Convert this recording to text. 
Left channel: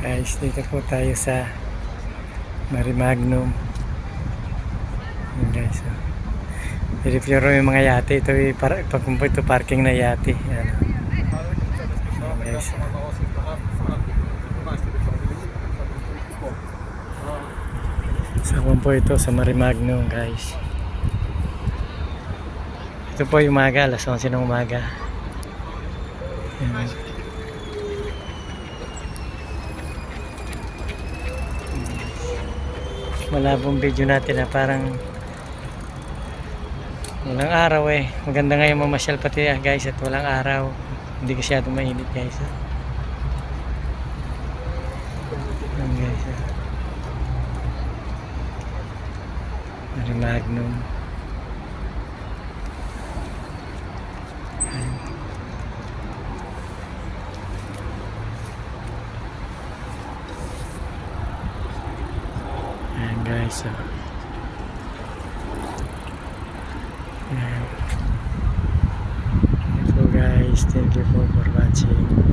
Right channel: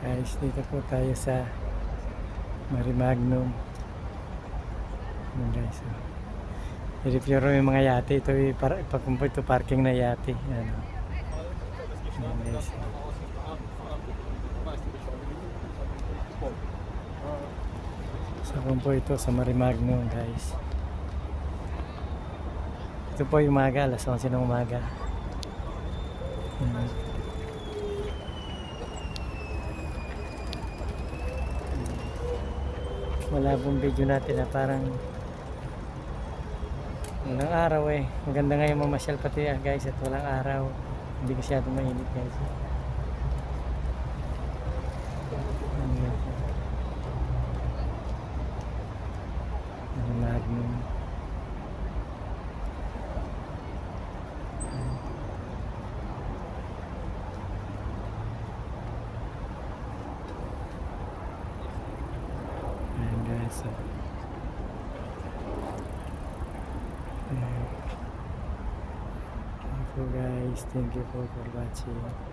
Guys, dito po tayo sa Marimagnum. Ayan guys, oh. I-review yung mga yate. Ito pagkumpo ito parking na yate. Ayan. Ayan guys. Sa kumpo ito sa Marimagnum guys. Ito po yung umaga, alas 11 ng umaga. Ayan. Malabong video natin na parang walang araw eh. Maganda ngayon mamasyal pati guys at walang araw. Hindi masyadong mainit guys. Ayan guys. Marimagnum. Ayan guys. Ayan. Thank you guys. Thank you for watching.